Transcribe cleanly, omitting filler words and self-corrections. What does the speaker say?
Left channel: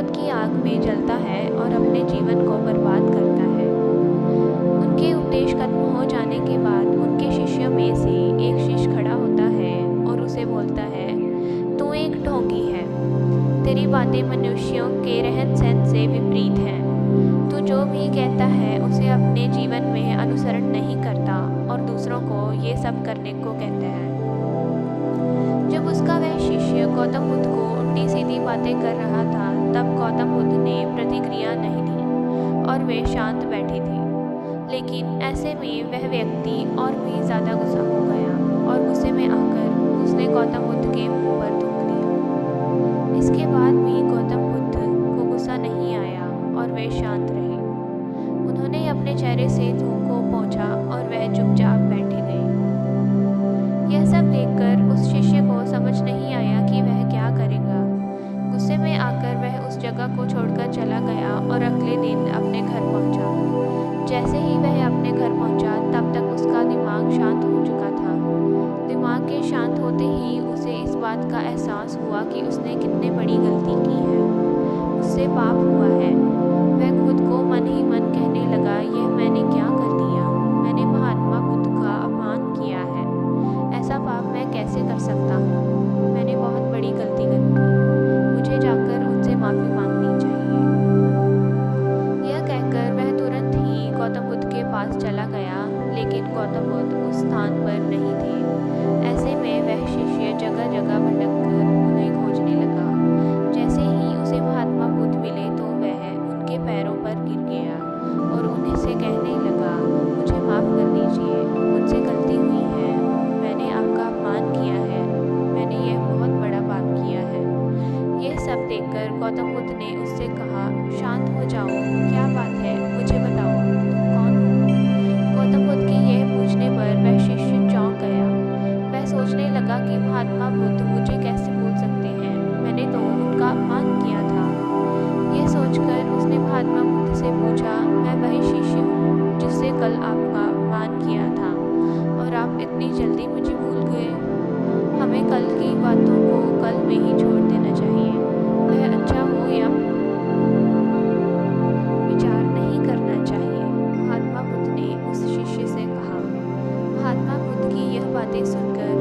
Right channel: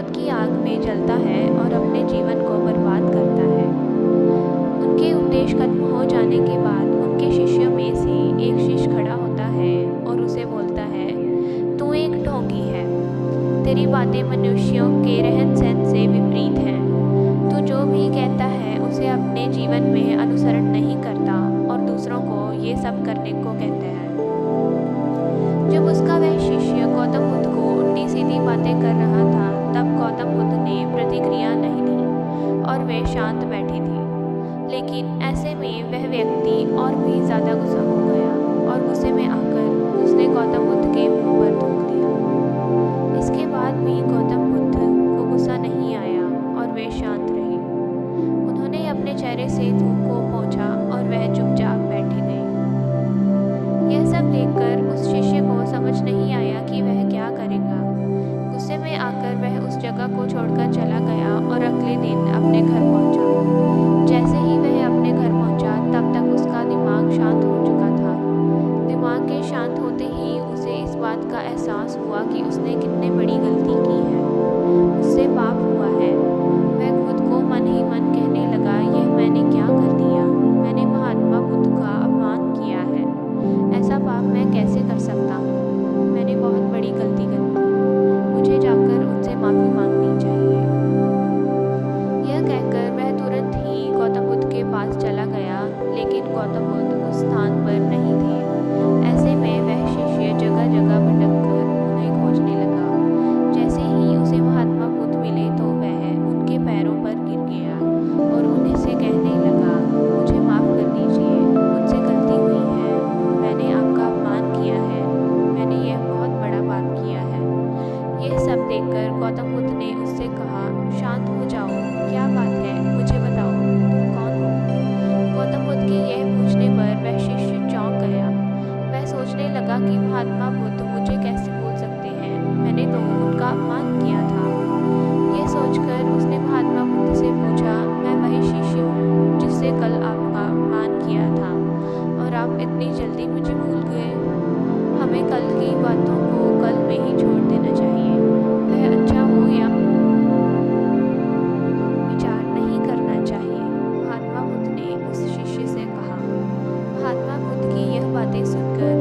क्रोध की आग में जलता है और अपने जीवन को बर्बाद करता है। उनके उपदेश खत्म हो जाने के बाद उनके शिष्यों में से एक शिष्य खड़ा होता है और उसे बोलता है, तू एक ढोंगी है। तेरी बातें मनुष्यों के रहन सहन से विपरीत हैं। तू जो भी कहता है उसे अपने जीवन में अनुसरण नहीं करता और दूसरों को ये सब करने को कहते हैं। जब उसका वह शिष्य गौतम बुद्ध को उल्टी सीधी बातें कर रहा था, तब गौतम बुद्ध ने प्रतिक्रिया नहीं दी और वे शांत बैठी थी। लेकिन ऐसे में वह व्यक्ति और भी ज़्यादा गुस्सा हो गया और गुस्से में आकर उसने गौतम बुद्ध के मुंह पर थूक दिया। इसके बाद भी गौतम बुद्ध को गुस्सा नहीं आया और वे शांत रहे। उन्होंने अपने चेहरे से थूक को पोंछा और वह चुपचाप बैठी गई। यह सब देखकर उस शिष्य को समझ नहीं आया कि वह क्या करेगा। गुस्से में आकर वह उस जगह को छोड़कर चला गया और अगले दिन अपने घर पहुंचा। जैसे ही वह अपने घर पहुंचा, तब तक उसका दिमाग शांत हो चुका था। दिमाग के शांत होते ही उसे इस बात का एहसास हुआ कि उसने कितनी बड़ी गलती की है। उससे पाप हुआ है। वह खुद को मन ही मन कहने लगा, यह मैंने क्या कर दिया? मैंने महात्मा बुद्ध का अपमान किया है। ऐसा पाप मैं कैसे कर सकता हूँ? मैंने बहुत बड़ी गलती कर दी। मुझे जाकर उनसे माफ़ी मांगनी चाहिए। यह कहकर वह तुरंत ही गौतम बुद्ध के पास चला गया, लेकिन गौतम बुद्ध उस स्थान पर नहीं थे। ऐसे में वह शिष्य जगह जगह भटककर उन्हें खोजने लगा। जैसे ही उसे महात्मा बुद्ध मिले तो वह उनके पैरों पर गिर गया और उन्हें से कहने लगा, मुझे माफ़ कर दीजिए, मुझसे गलती हुई है। मैंने आपका अपमान किया है। मैंने यह बहुत बड़ा पाप किया है। यह सब देखकर गौतम बुद्ध ने उससे कहा, शांत हो जाओ, क्या बात है, मुझे बताओ, तुम कौन हो? गौतम बुद्ध के यह पूछने पर वह शिष्य चौंक गया। वह सोचने लगा कि महात्मा बुद्ध मुझे कैसे भूल सकते हैं? मैंने तो उनका अपमान किया था। यह सोचकर उसने महात्मा बुद्ध से पूछा, मैं वही शिष्य हूँ जिससे कल आपका अपमान किया था और आप इतनी जल्दी मुझे भूल गए। हमें कल की बातों को कल में ही छोड़ देना चाहिए। वह अच्छा हो या विचार नहीं करना चाहिए, महात्मा बुद्ध ने उस शिष्य से कहा। महात्मा बुद्ध की यह बातें सुनकर